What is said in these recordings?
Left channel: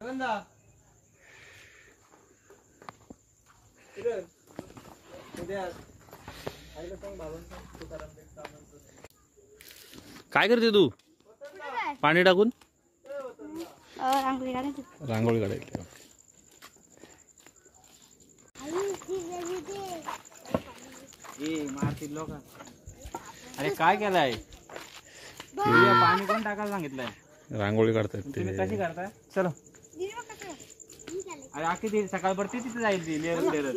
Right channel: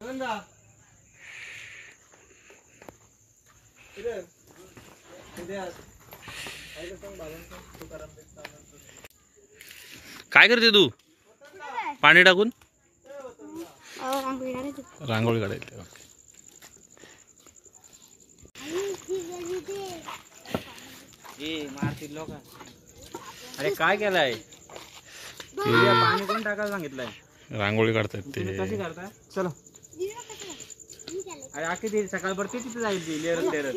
काय करते तू? पाणी टाकून रांगोळी काढायची. लोक अरे काय केलंय? पाणी कोण टाकायला सांगितलंय? रांगोळी काढतात ते. कशी काढताय? चलो अरे आखी ती सकाळभर ती तिथे जाईल ती लेरत लेरत.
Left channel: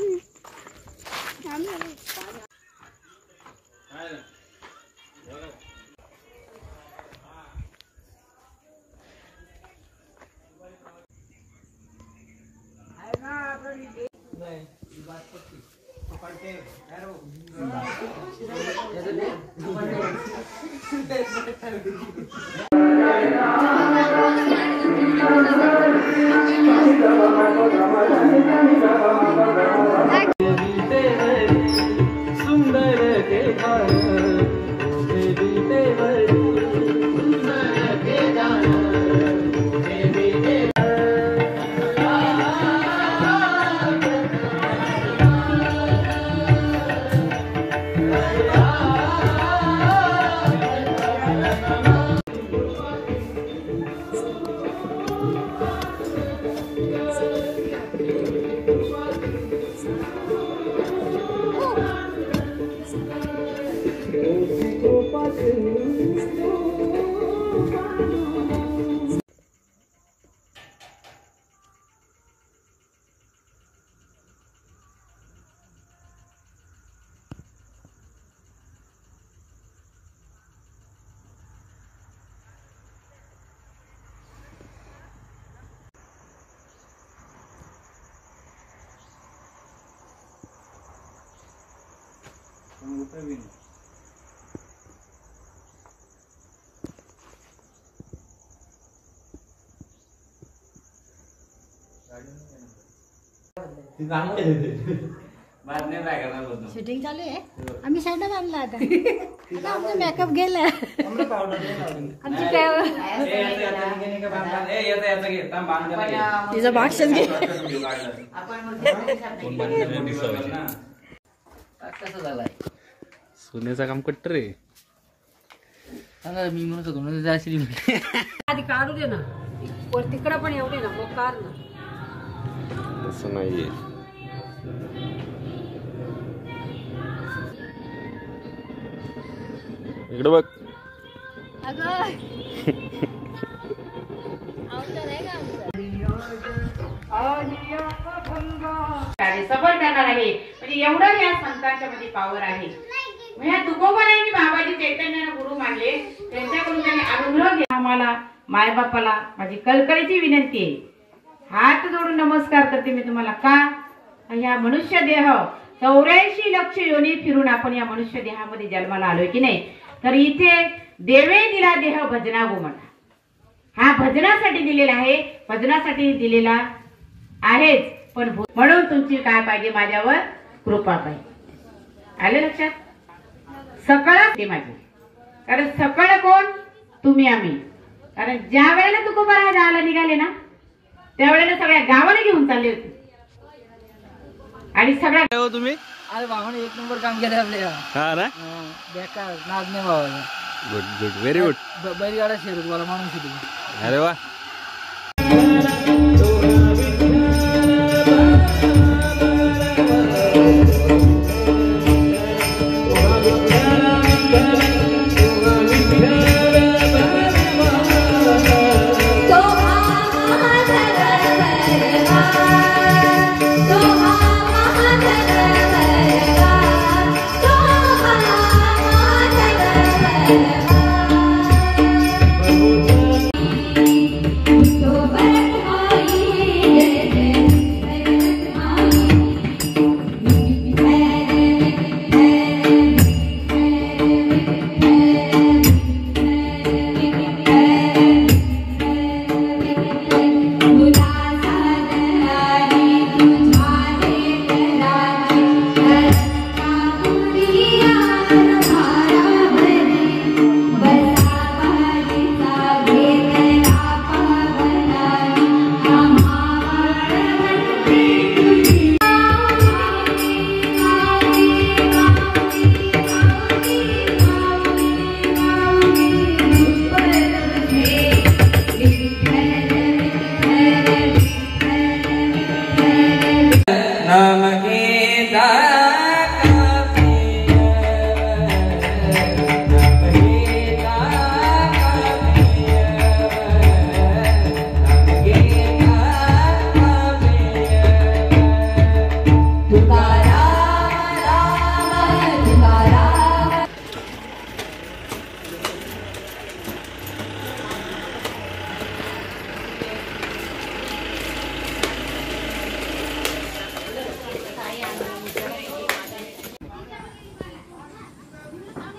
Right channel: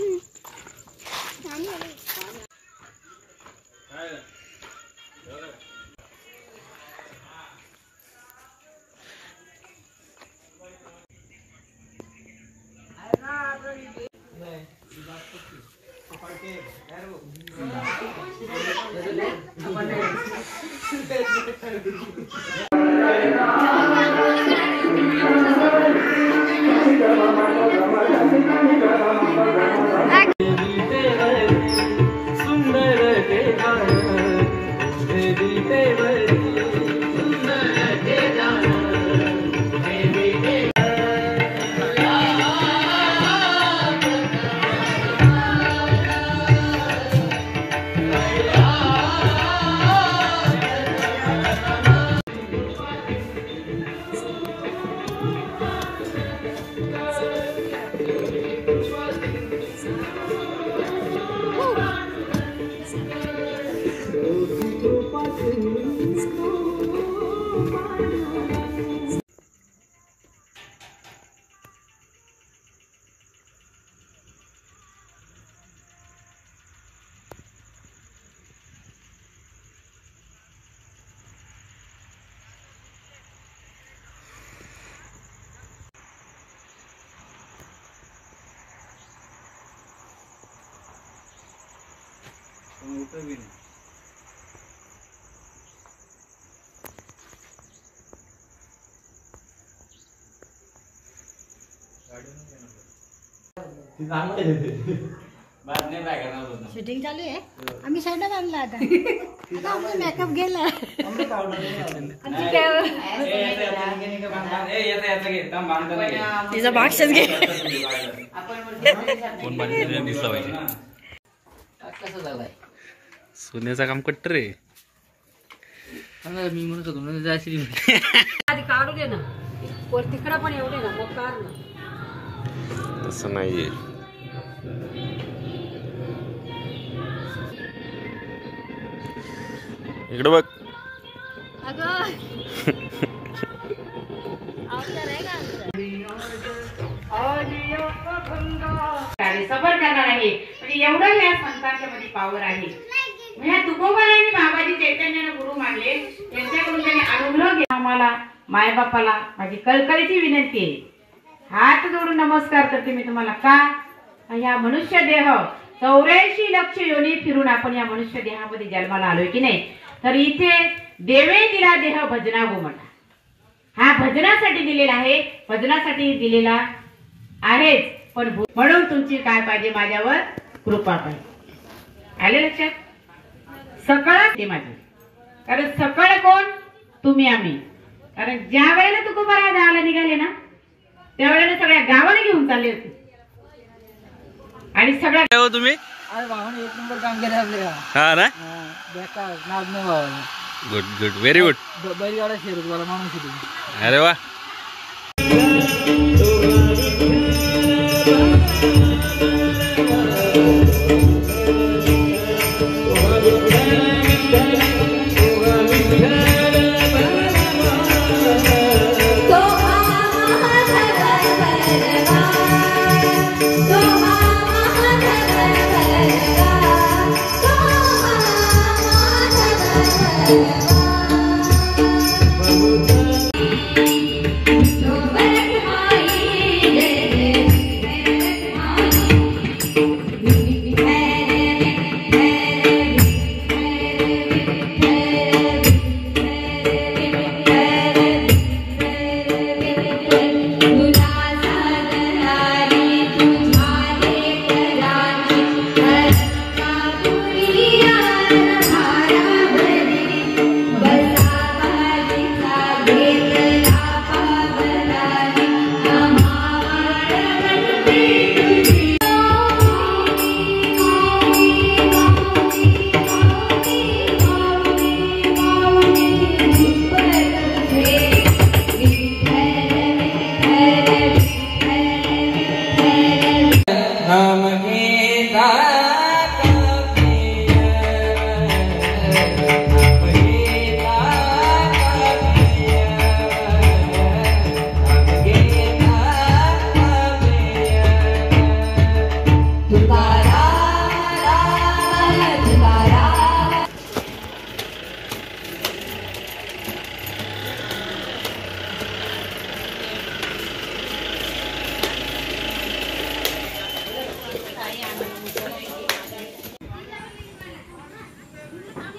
शूटिंग चालू आहे. आम्ही साईडला बांधला आता. आमचा मेकअप गेला. तिचा बाक्सच घे. सोन्याचं काम कट्टर रे. मी म्हणत होतो जाशील आधी काढू दे ना. तिकडं पण एवढे ना मोकार ना. तसं नाहीये. इकडे बघ. सफर करणार आहे. म्हणजे एवढं या संतांच्या मध्ये पावर आहे. म्हणजे तुकोबारायांनी बाबाजी चैतन्यानं गुरु मानले. त्यांच्याकडून त्यांनी अनुग्रह घ्या. आम्हाला मायबापाला माझी कळकळीची विनंती आहे. हात जोडून नमस्कार करते मी तुम्हाला. का ह्या मनुष्य देह 84 लक्ष योनी फिरून आपण या मनुष्य देहामध्ये जन्माला आलोय की नाही. तर इथे देवे दिला देह भजना गोमटा. हा भजनासाठी दिलेला आहे. भजनासाठी दिलेला आहेच. पण म्हणून तुमची काय पाहिजे? माझ्यावर कृपा पाहिजे. आले लक्षात? सकळ ते माझे. कारण सकळ कोण? तुम्ही आम्ही. कारण ज्या वेळेला तुकोबा जायला निघाले ना त्यावेळेला सगळ्या गावाने घेऊन चालले होते. आणि सगळ्या तुम्ही अरे भावाने एक नंबर काम केलं आपल्या. हा ना. बेकार नाद नाही भावाला. Good good very good. बैलगाडा शेरत मला माणूस. अरे वा.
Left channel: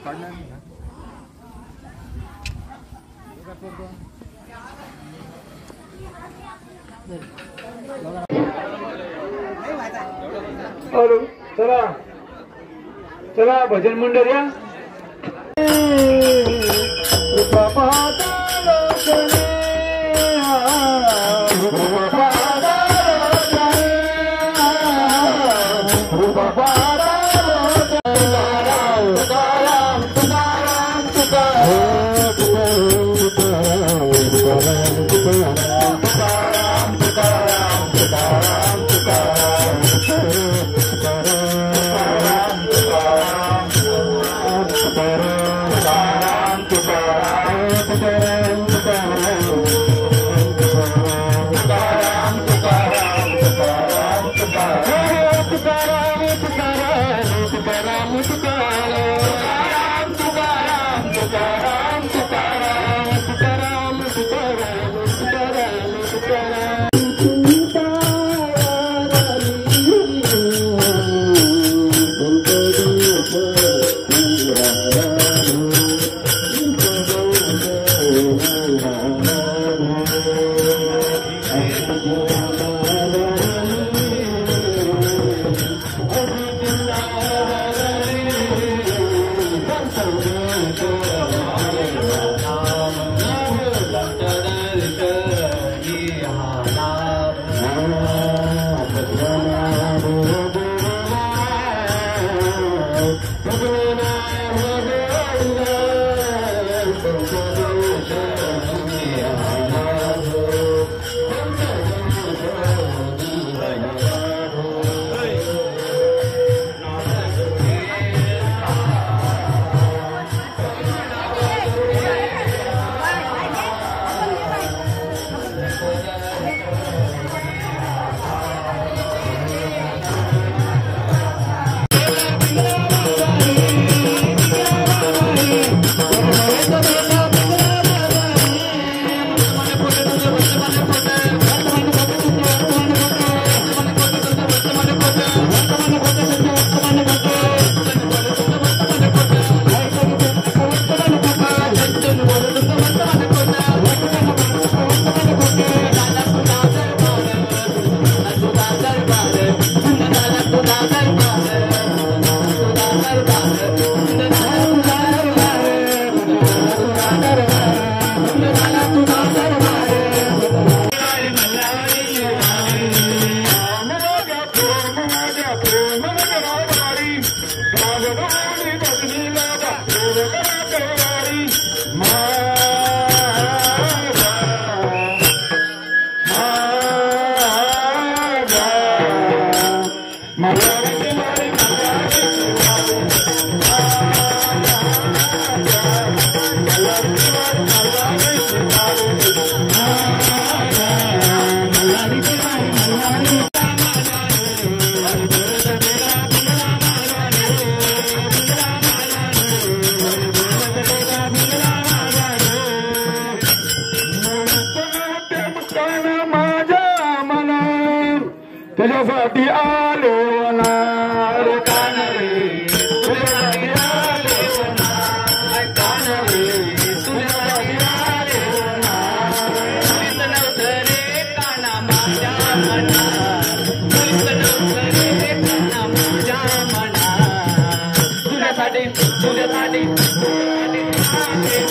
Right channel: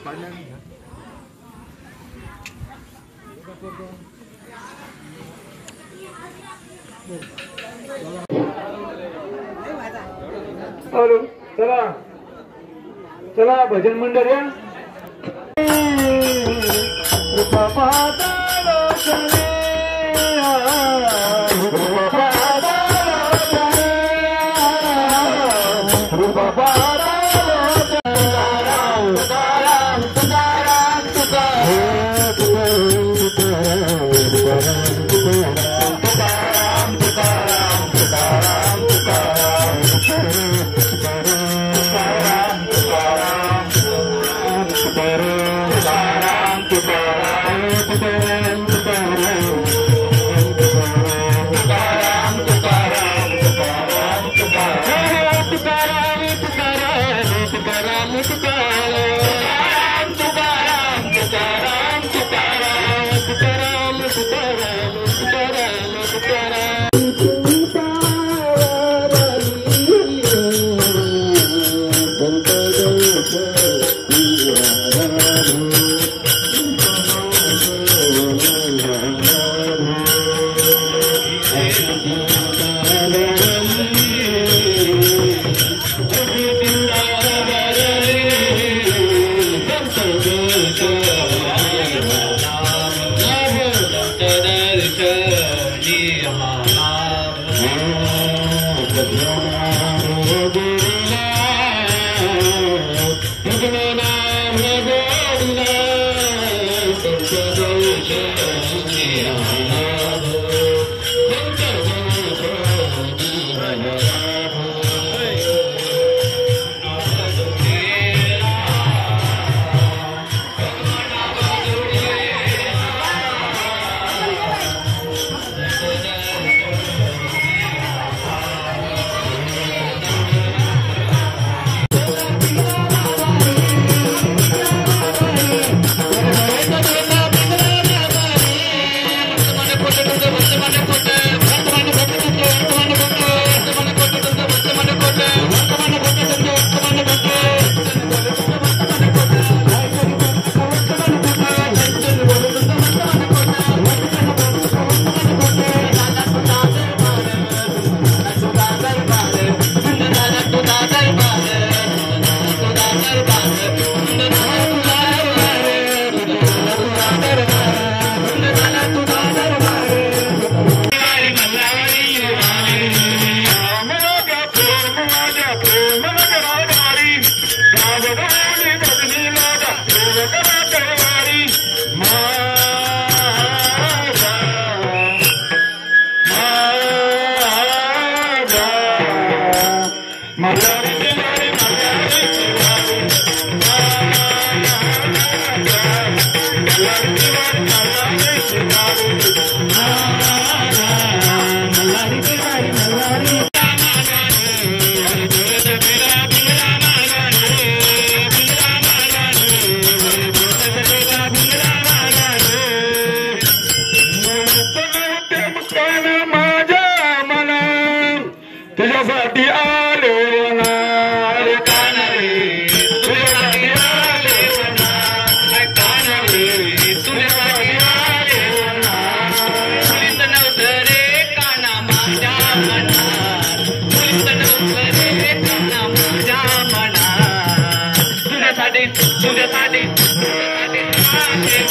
चला चला भजन मंडळ या तुझ्यासाठी आलो ना रे कान रे तुझ्यासाठी आलो ना कान रे तुझ्यासाठी आलो ना तुझीच नव्हतं रे काना माझ्या मना तुझीच नव्हतं रे काना माझ्या मना तुझ्यासाठी तुझ्यासाठी तुझ्यासाठी आहे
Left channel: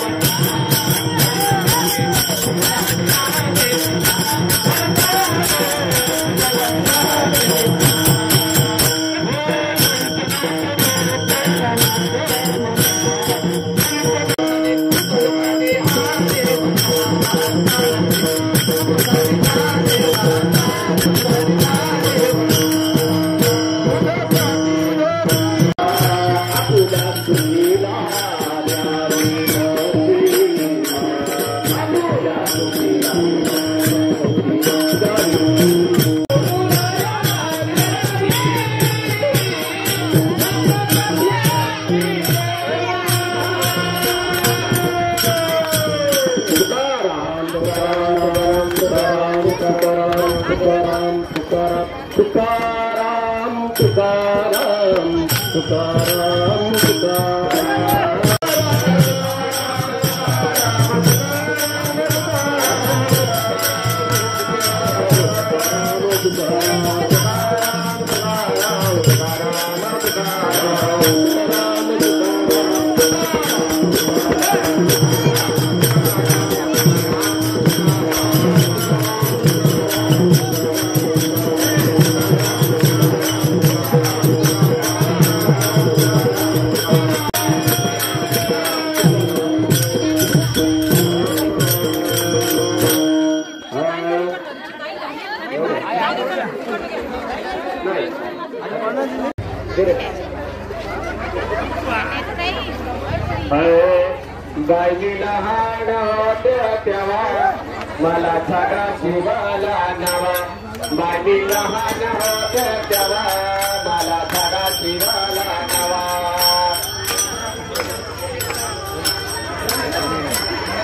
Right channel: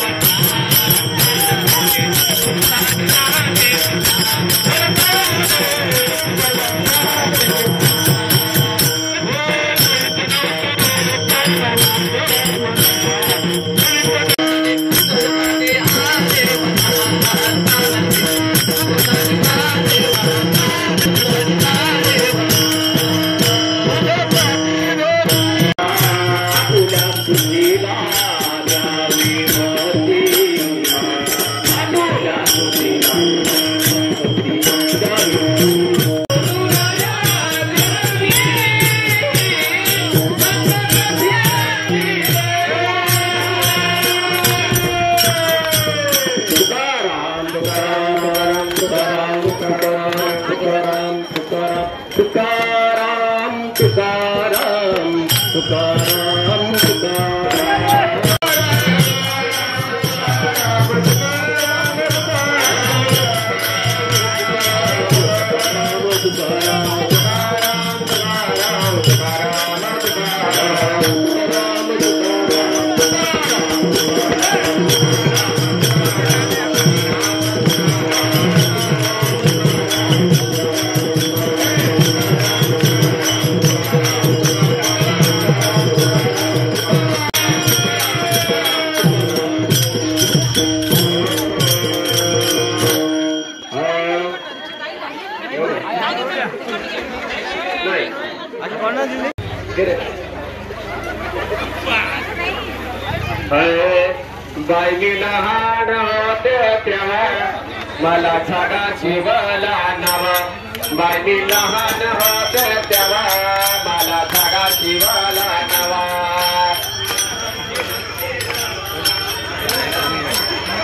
Thank you. गायली लहान होते तेव्हा मला झाडा शिवला नवा गायली लहान होते तेव्हा मला झाडा शिवला नवा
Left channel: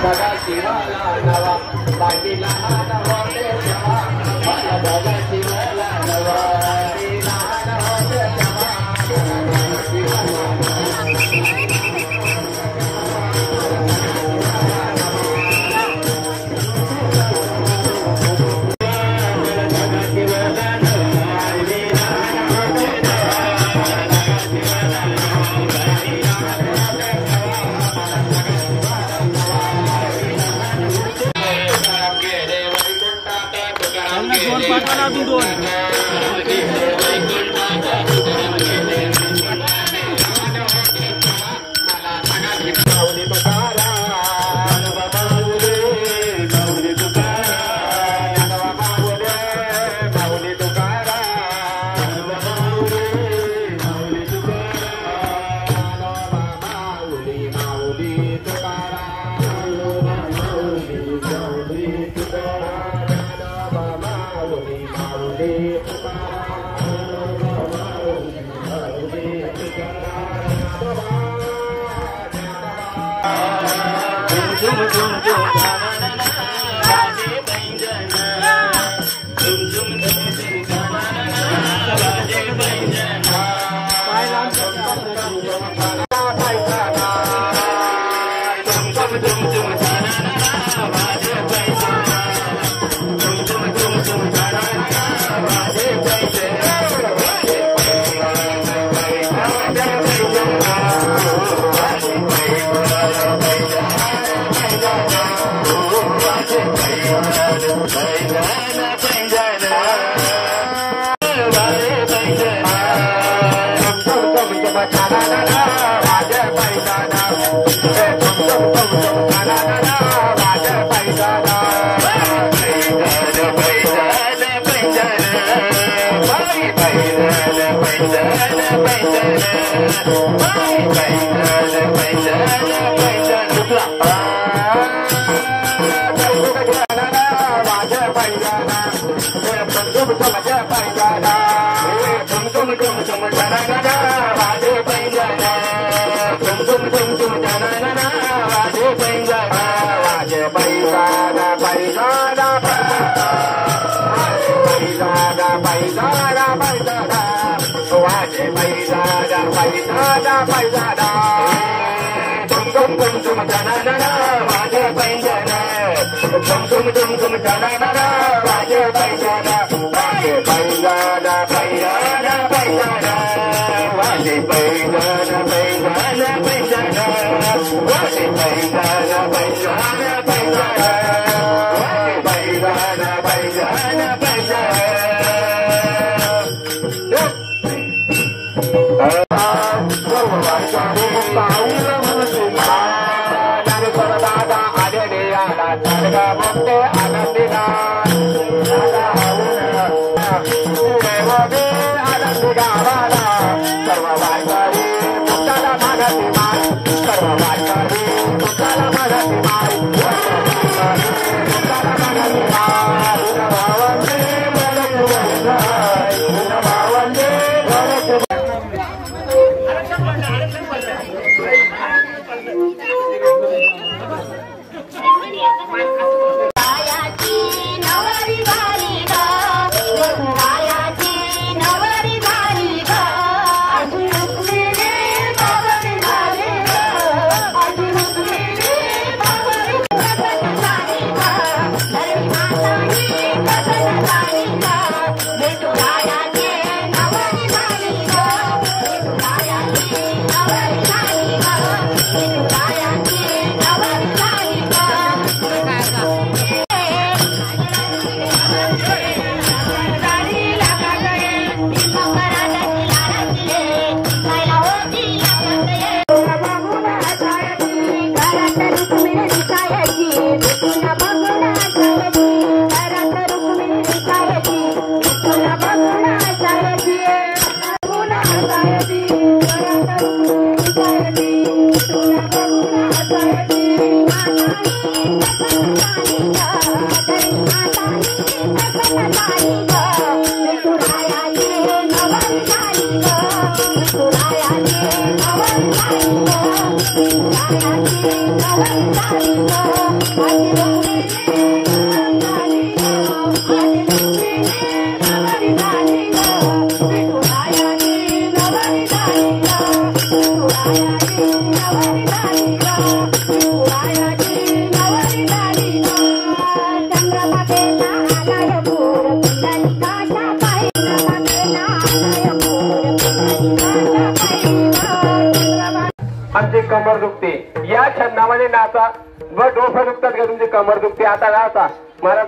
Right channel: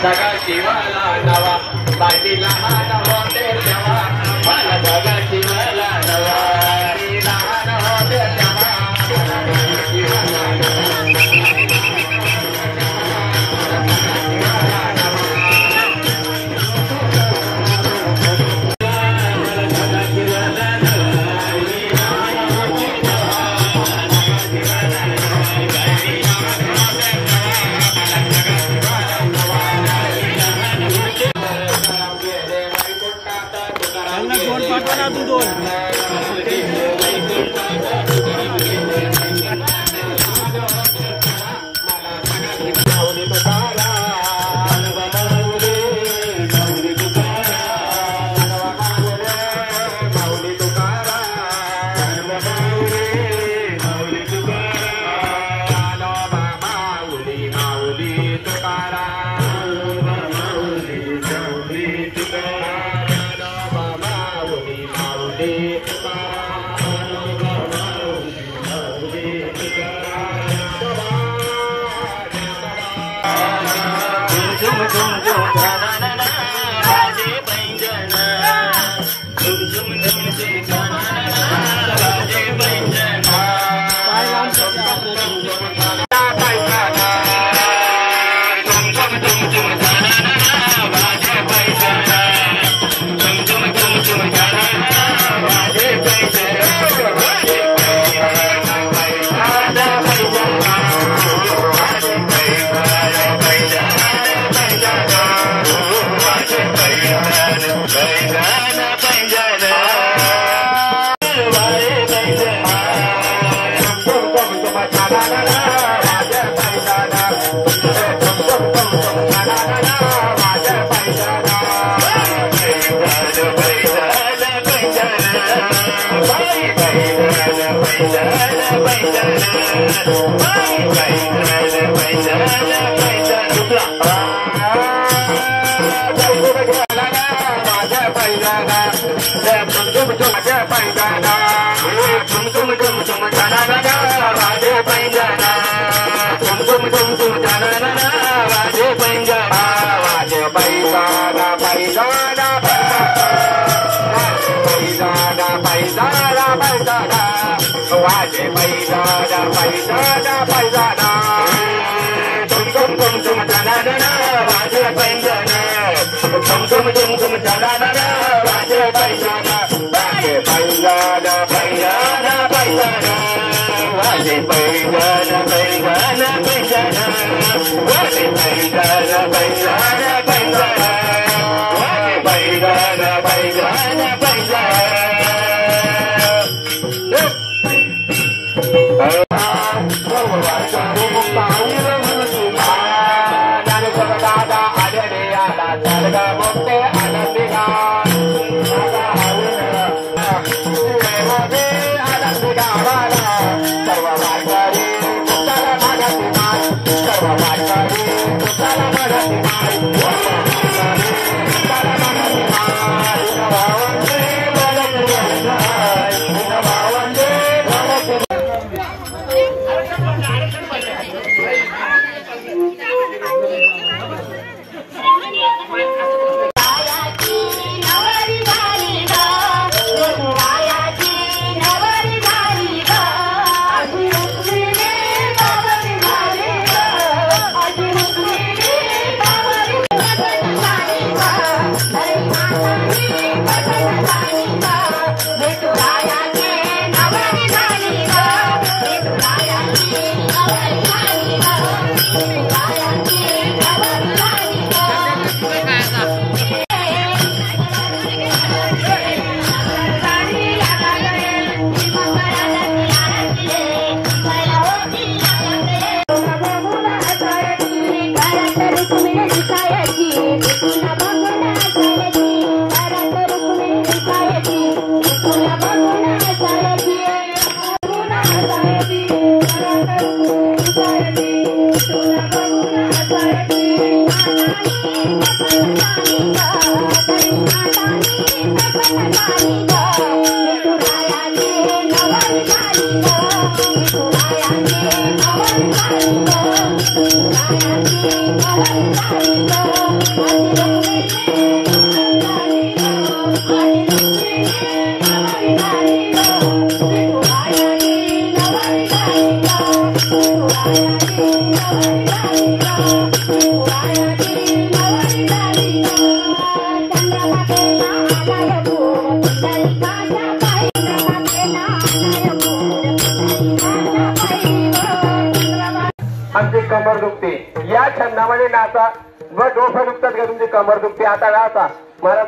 झाडा शिवला नवा गायली लहान होते तेव्हा मला झाडा शिवला नवा लहान होते तेव्हा मला झाडा शिवला Thank you. आमची कमर दुखते या छंदामध्ये नाचा व डोकं दुखतात का तुमची कमर दुखते आता नाचा महाराज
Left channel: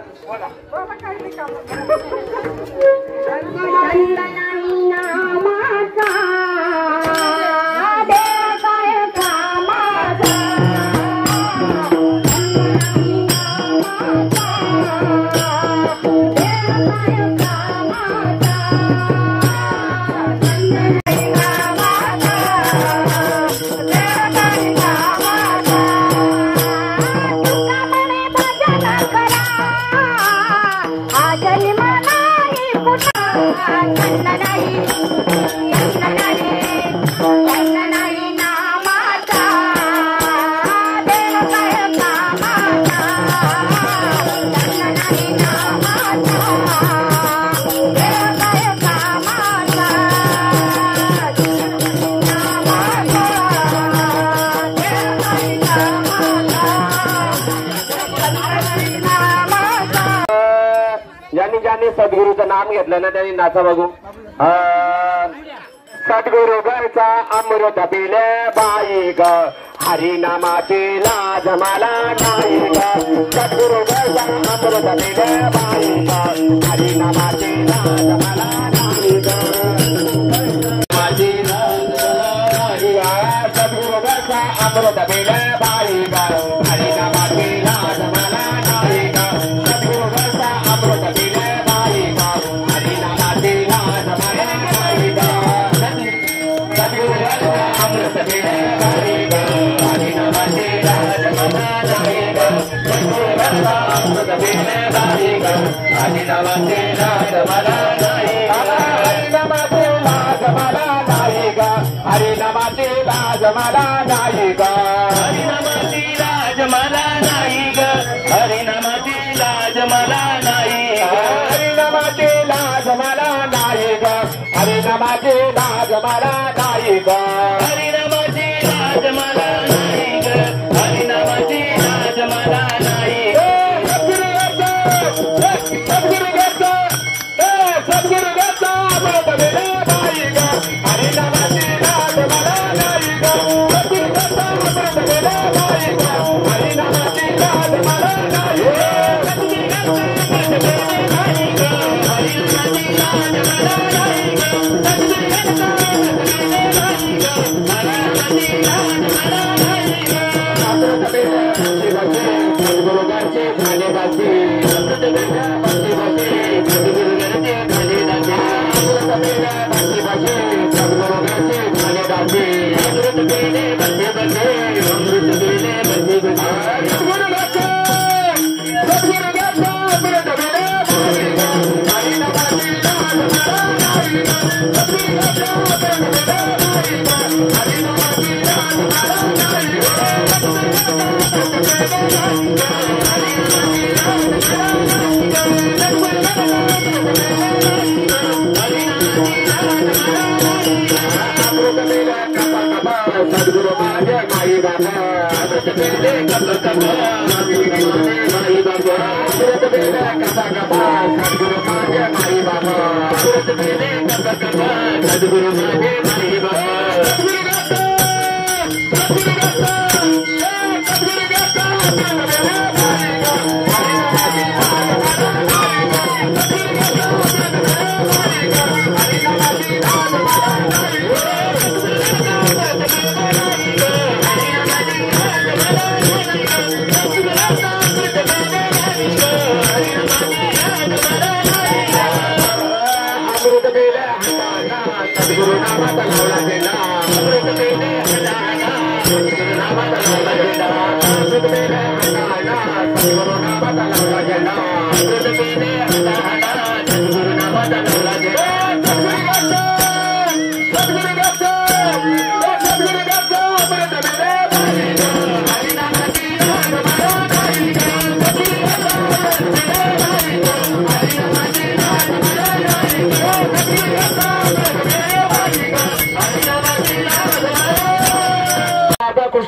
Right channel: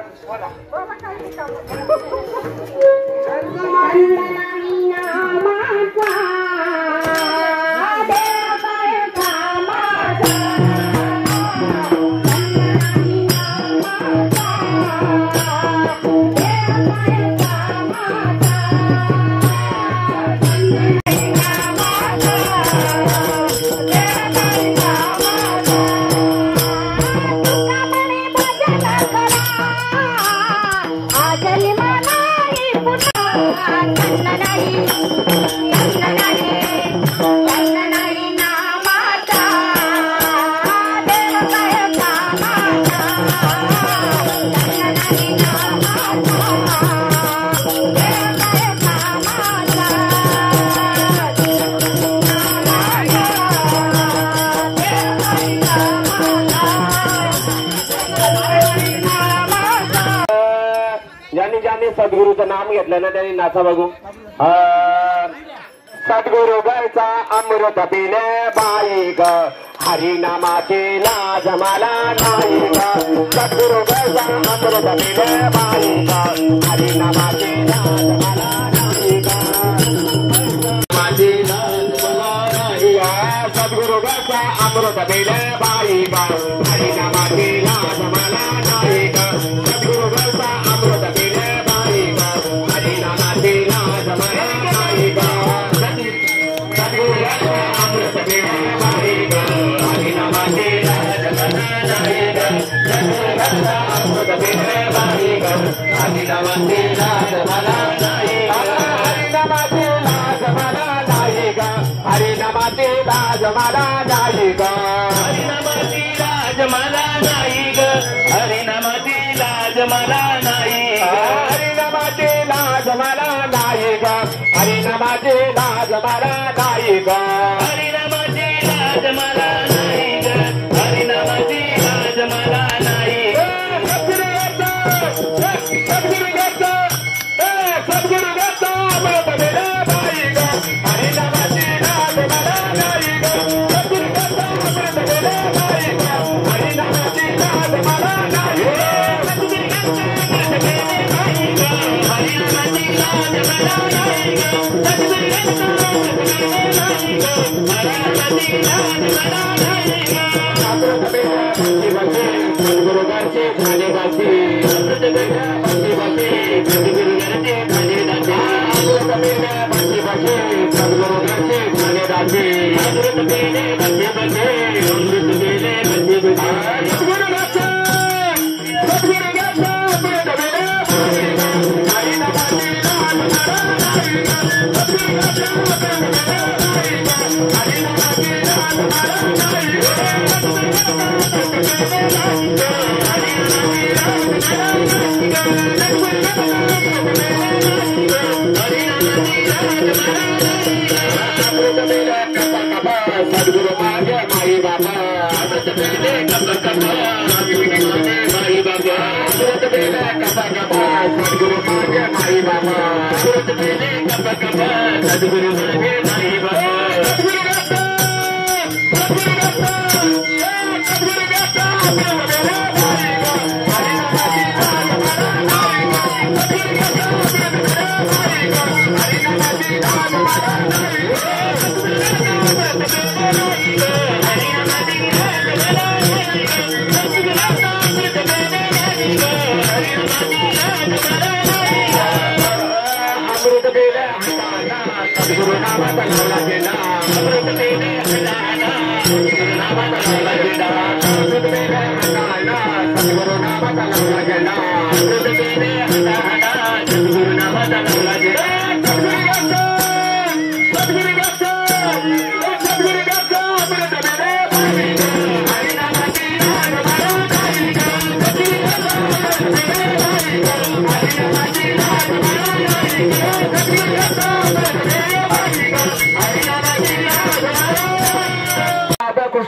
ज्यांनी सद्गुरूचं नाम घेतलं ना त्यांनी नाचा बघू सद्गुरु घरचा अमृत पिले बाई ग हरिनामाची लाज मला नाही ग सद्गुरु घरचा अमृत पिले बाई ग हरिनामाची लाज मला नाही ग माझी लाज मला नाही ग सद्गुरु घरचा अमृत पिले बाई ग हरिनामाची लाज मला नाही ग सद्गुरु घरचा अमृत पिले Guru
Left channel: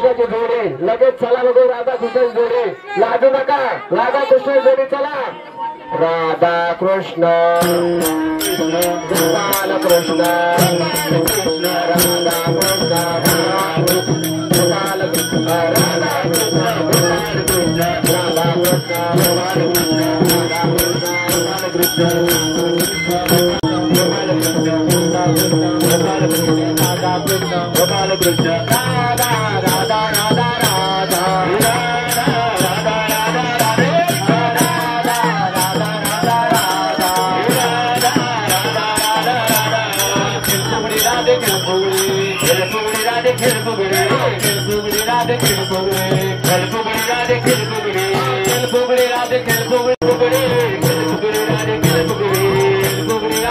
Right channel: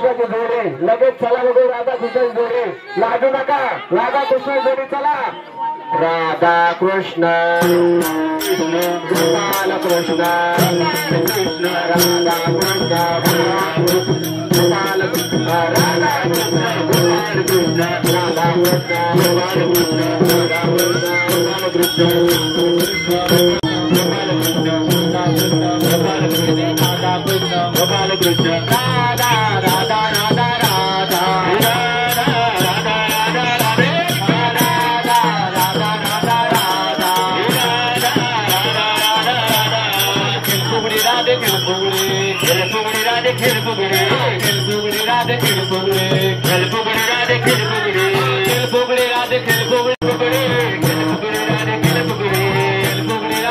कृष्णाची जोडी लगेच चला बघू राधा कृष्ण जोडी लागू नका राधा कृष्ण जोडी चला राधा कृष्ण गोपाल कृष्ण कृष्ण राधा कृष्ण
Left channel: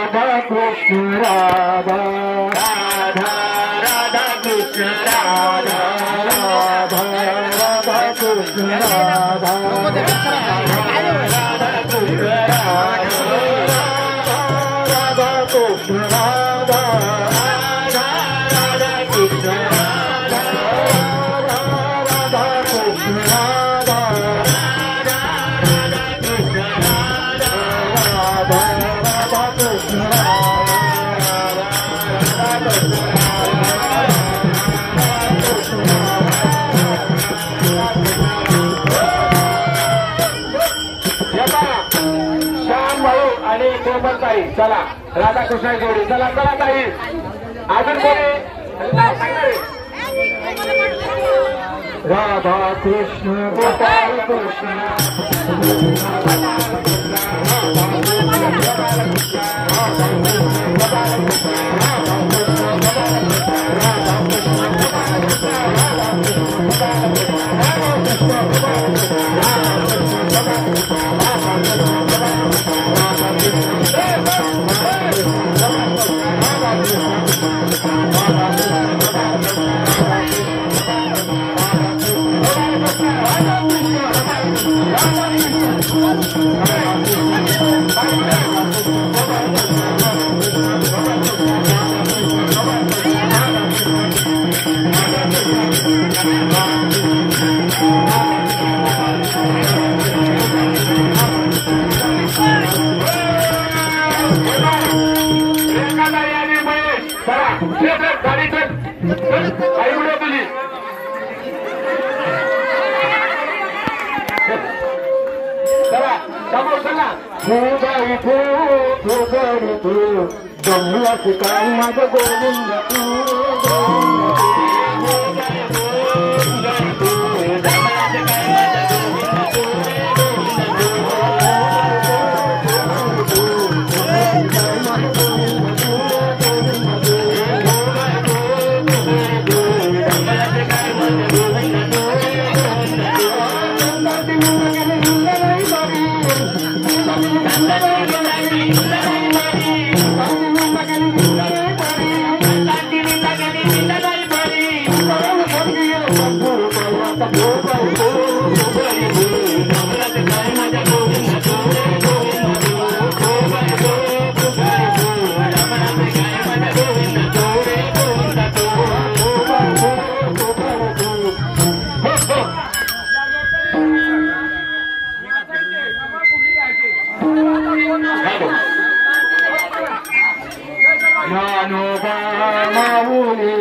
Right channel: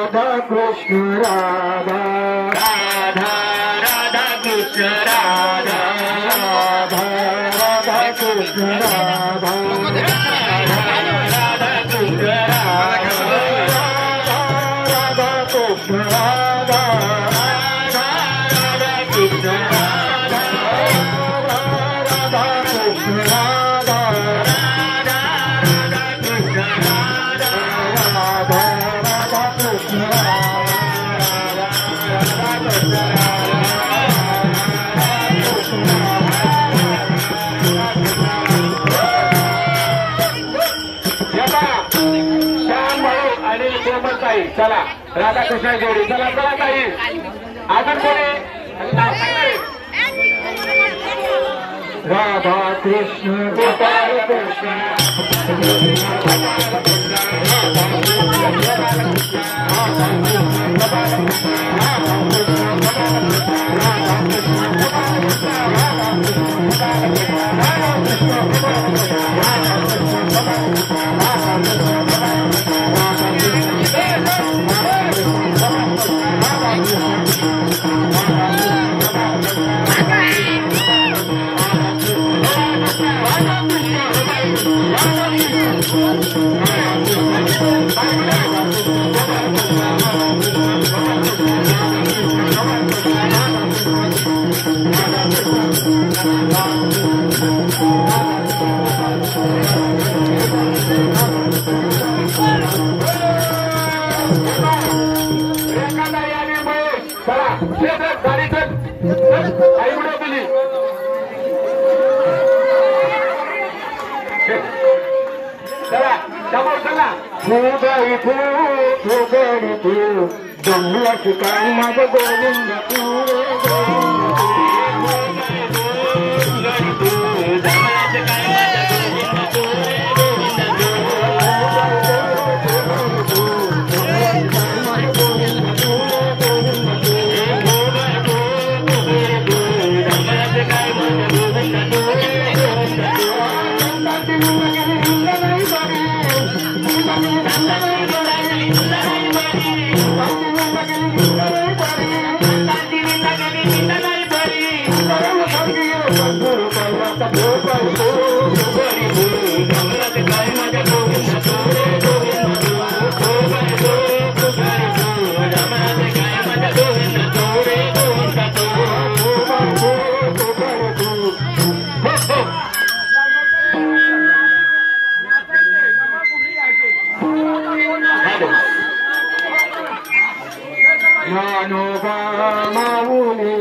गोपाल कृष्ण राधा कृष्ण गोपाल कृष्ण राधा कृष्ण गोपाल कृष्ण राधा राधा राधा चला राधा कृष्ण जोडी चला चला ताई अजून कोणी राधा कृष्ण गोपाल कृष्ण ज्ञानोबा माऊली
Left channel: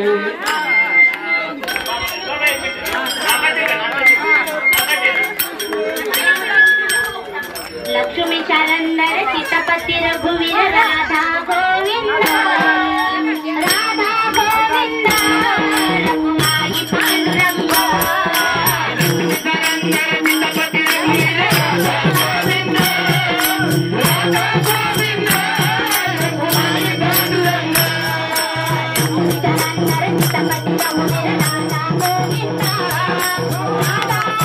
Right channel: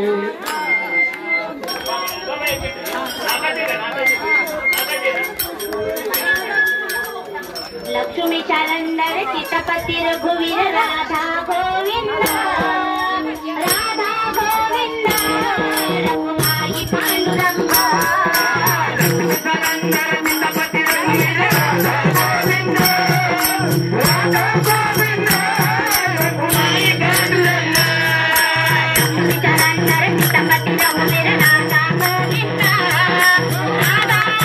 लक्ष्मी चरंदर सीतापती रघुवीर राधा गोविंद राधा गोविंद रघुमाई पांडुरंग सीतापती रघुवीर राधा गोविंद राधा गोविंद रघुमाई पांडुरंग चरंदर सीतापती रघुवीर राधा गोविंद राधा गोविंद रघुमाई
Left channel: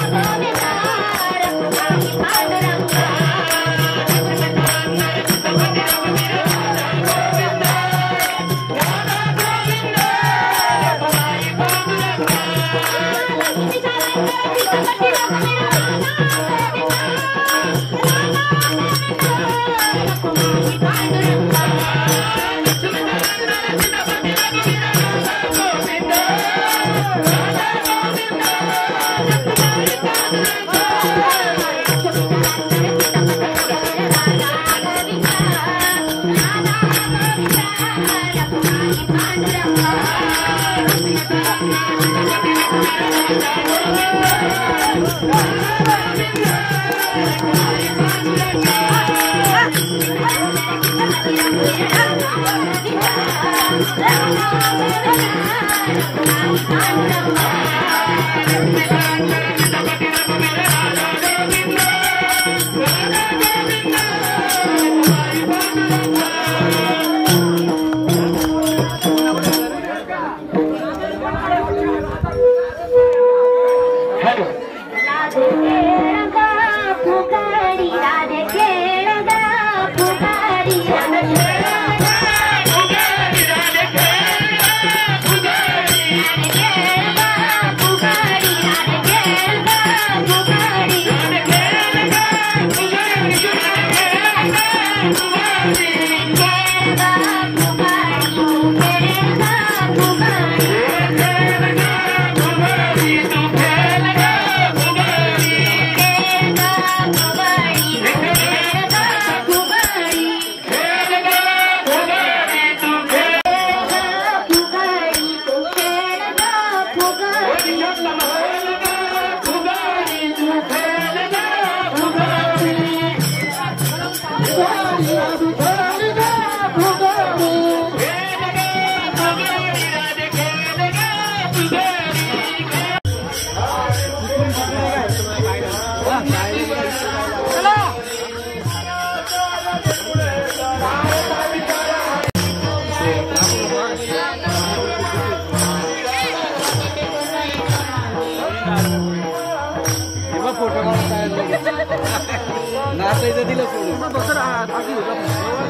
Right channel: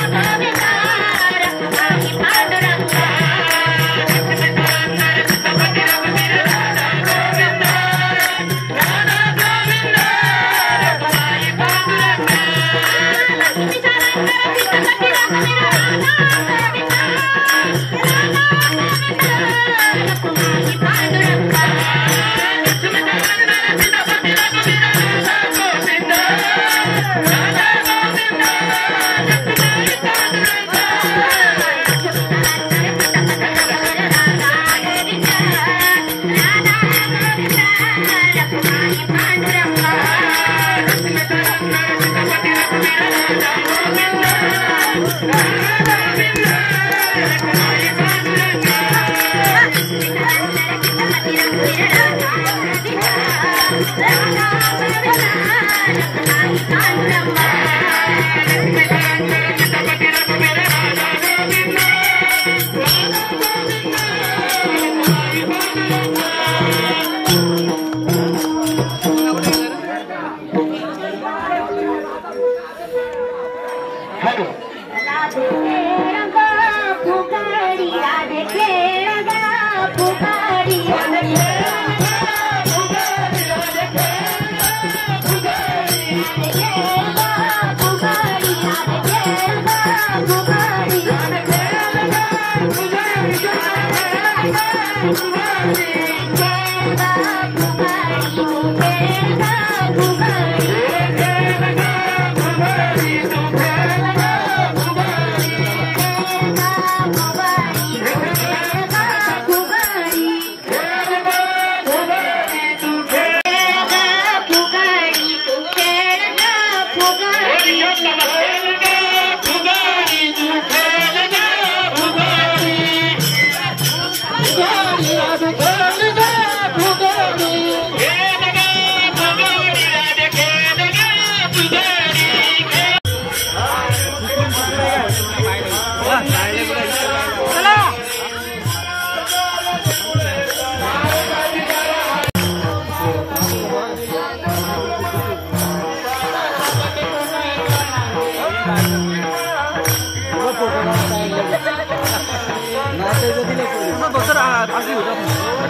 पांडुरंग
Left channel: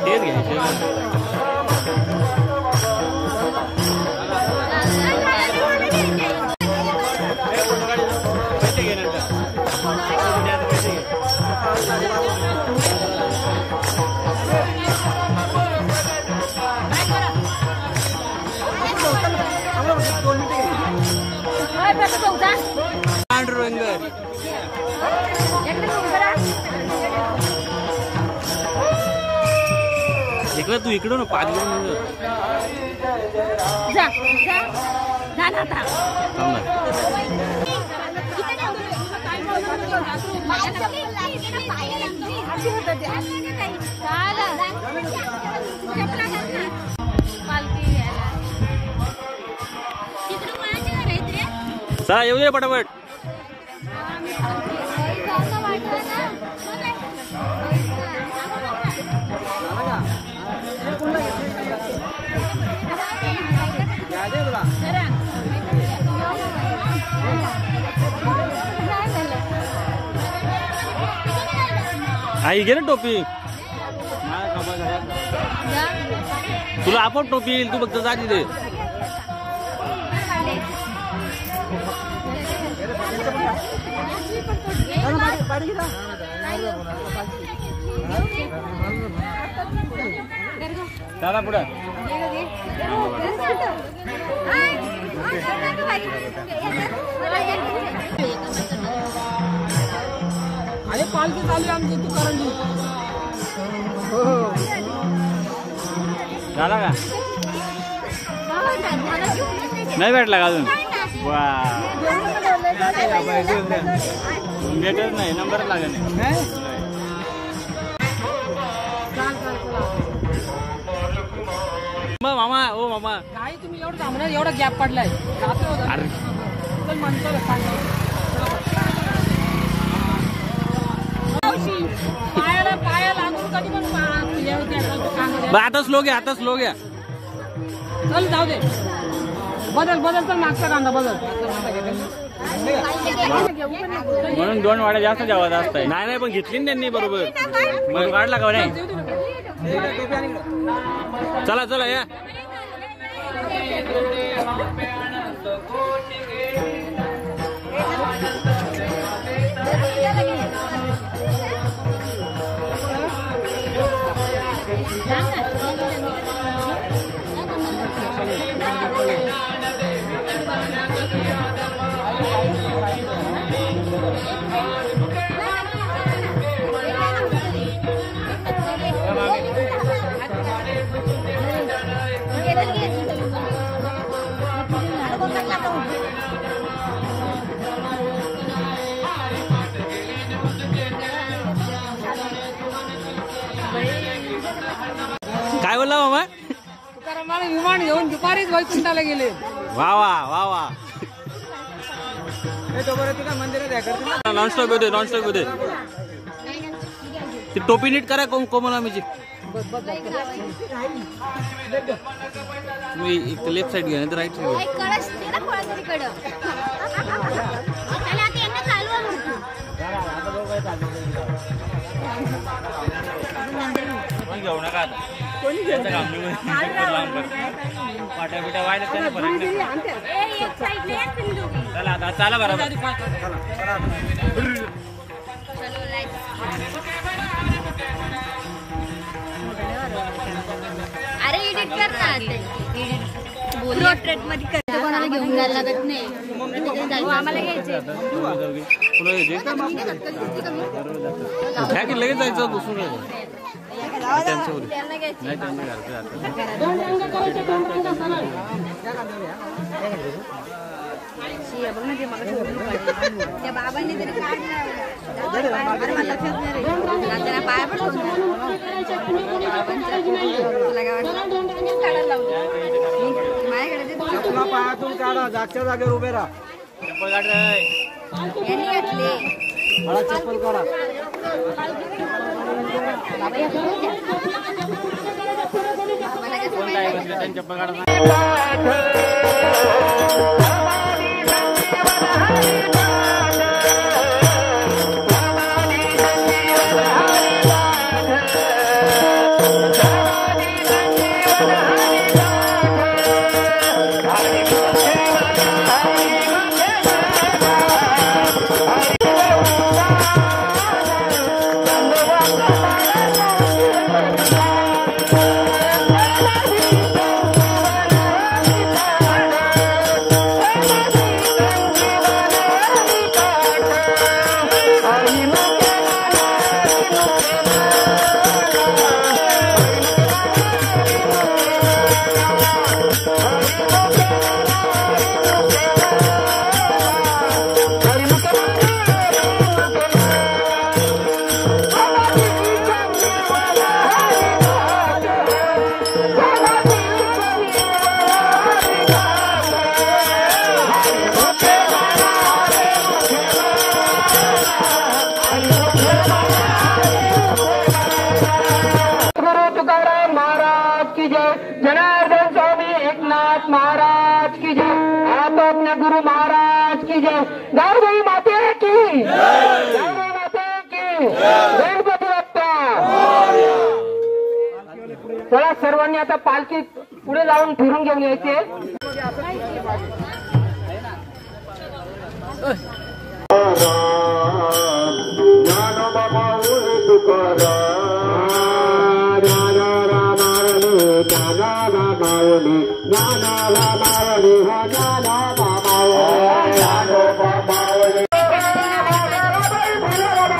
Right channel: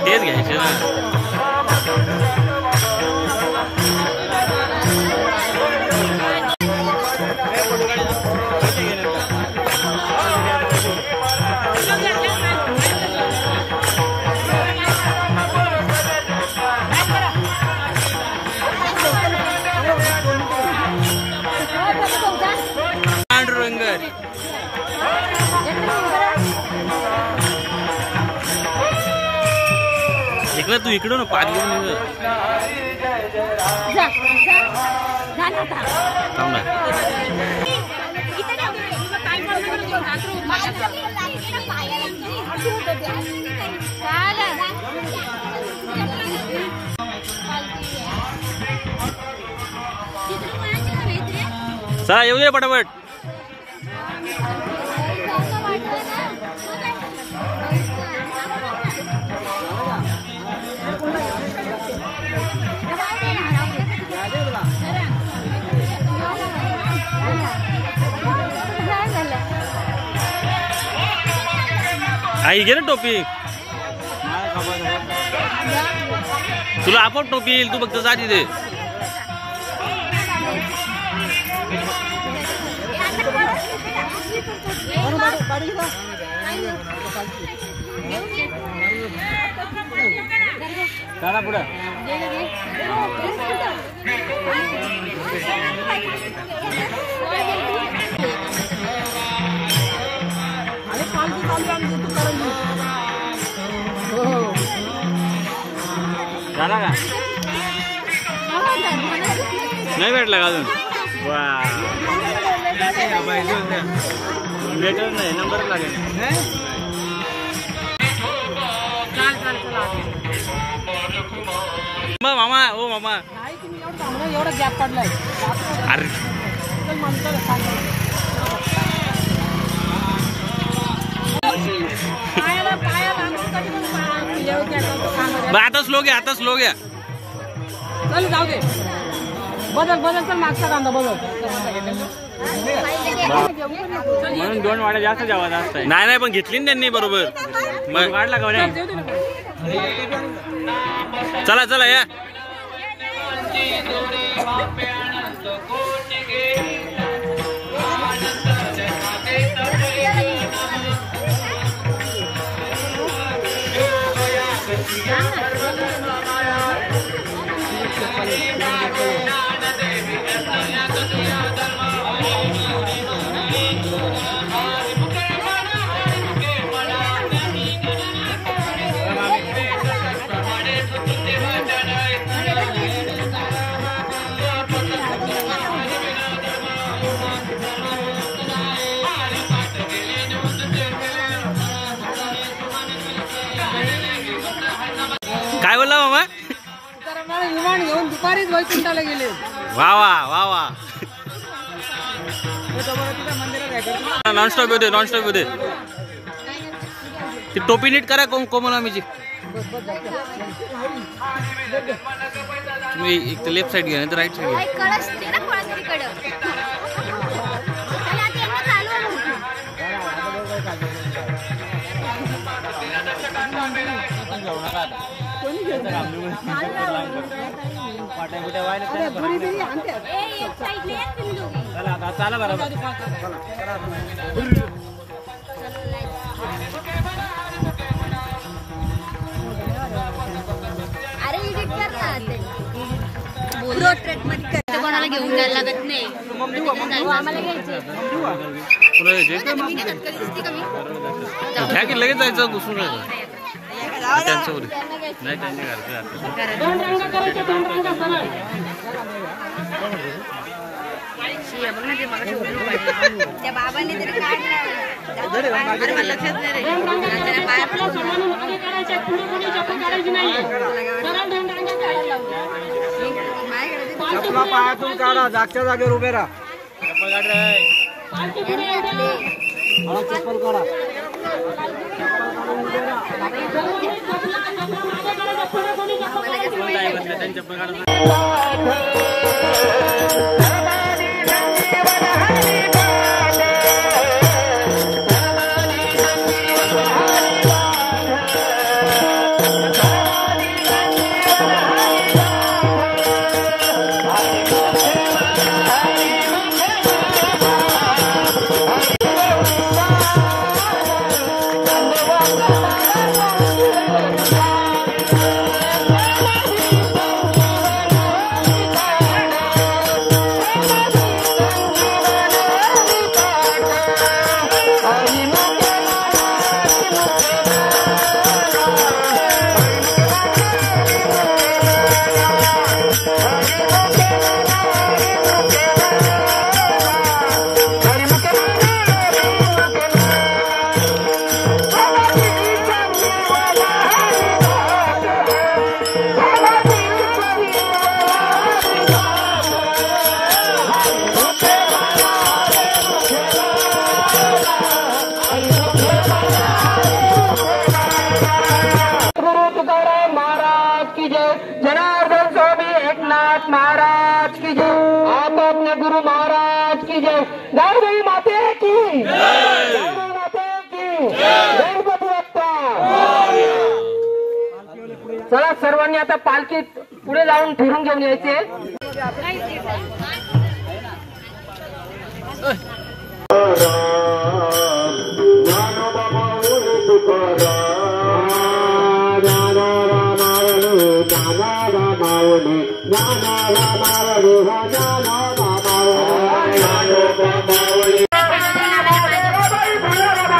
तेच घ्यायचे ना. पांडुरंगर इकडे तू इकडं ना पाच घेऊन थांब ना. चला येऊ दे पटापट. आई घे ना टोपी. तुला आपोआप टोपी येईल, तू फक्त जा तिथे. चला पुढं. अरे पालखी चालू आमची तू कारण झाला का नाही भेटला का अजून वा भेटत नाही नंबर लागेल मामा ओ मामा नाही तुम्ही एवढं थांबणार एवढा गॅप पडलाय अरे म्हणतो आता स्लो घ्या आता स्लो घ्या चल जाऊ दे बदल बदल तर मागचा कांदा बदल म्हणून 2 वाड्या जास्त जेवण असतं नाही नाही पण घेतली ना त्यांनी बरोबर मग वाढला का रे चला चला या काय बोलला मामा विमान घेऊन दुपारीच वैकुंठाला गेले वा वा वा वा नॉनस्टॉप होते नॉनस्टॉप होते ती टोपी नीट करा कोमलामीची तुम्ही एक तर लेफ्ट साइड घ्या नाही तर राईट साइड घ्या पाट्या बिट्या वायला चला आता चाला बरोबर अरे एडिट करतात बोलू ट्रेट मध्ये करते कोणाला घेऊन जायला लागत नाही आम्हाला घ्यायचे तुला यायचे घ्या की लगेच जायचं घुसून जायचं त्यांचं बोल नाही त्यांनी त्या बाबांनी तरी काढलं लक्षात पायातून काढा जागच्या जागेवर उभे राहा मला चप्पल काढा चप्पल काढा जनार्दन स्वामी एकनाथ महाराज की जय। अपने गुरु महाराज की जय। गौरी माता की गौरी माता की गणपती बाप्पा। चला सर्वांनी आता पालखीत पुढे जाऊन फिरून घेऊन यायचे।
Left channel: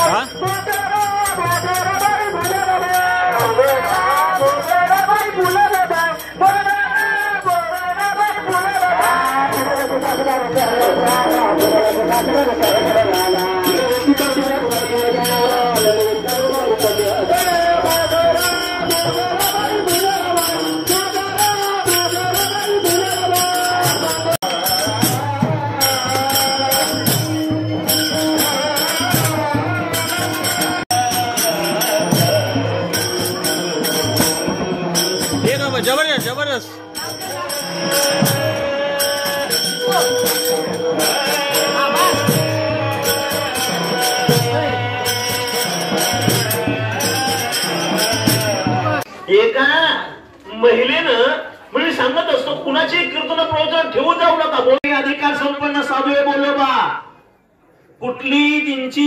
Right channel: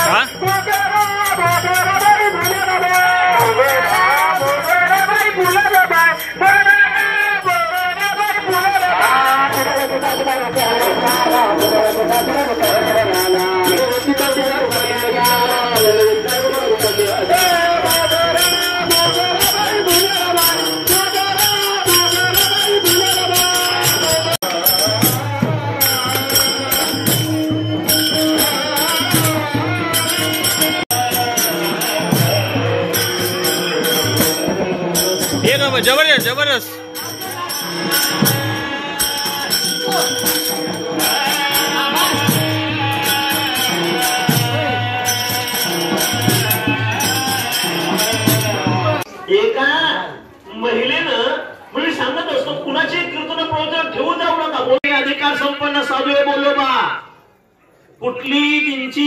हा एका महिलेनं म्हणजे सांगत असतो कुणाचे कीर्तन प्रवचन ठेवून जाऊ नका. बोले अधिकार संपन्न साधू बोलो बा. कुठली त्यांची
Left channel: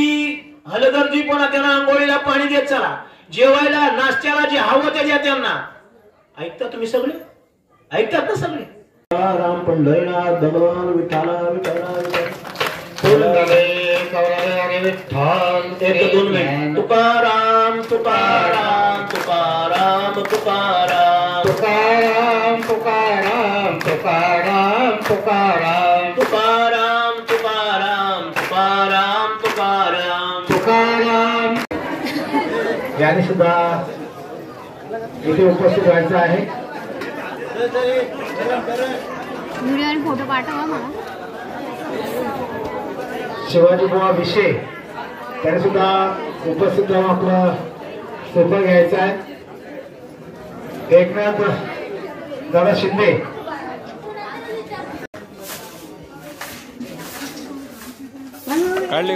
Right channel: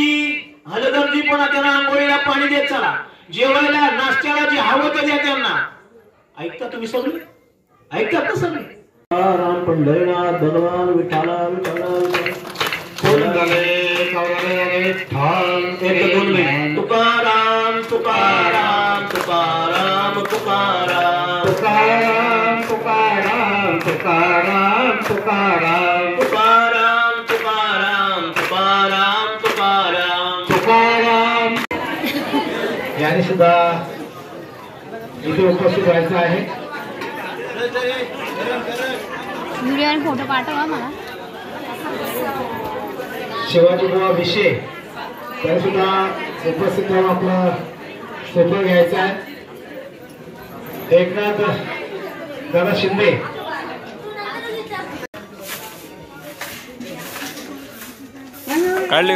हलगर्जीपणा त्यांना आंघोळीला पाणी देत चला, जेवायला नाश्त्याला जे हवं ते द्या त्यांना. ऐकता तुम्ही सगळे? ऐकतात ना सगळे? राम पंढरीनाथ भगवान विठाला तुकाराम तुकाराम तुकाराम तुकाराम तुकाराम तुकाराम तुकाराम तुकाराम तुकाराम तुकाराम तुकाराम तुकाराम तुकाराम. याने सुद्धा इथे उपस्थित व्हायचं आहे. व्हिडिओ आणि फोटो पाठवा मला. शिवाजी बुवा विषय त्याने सुद्धा उपस्थित राहून आपला सोपं घ्यायचा आहे. एकनाथ दादा शिंदे काढली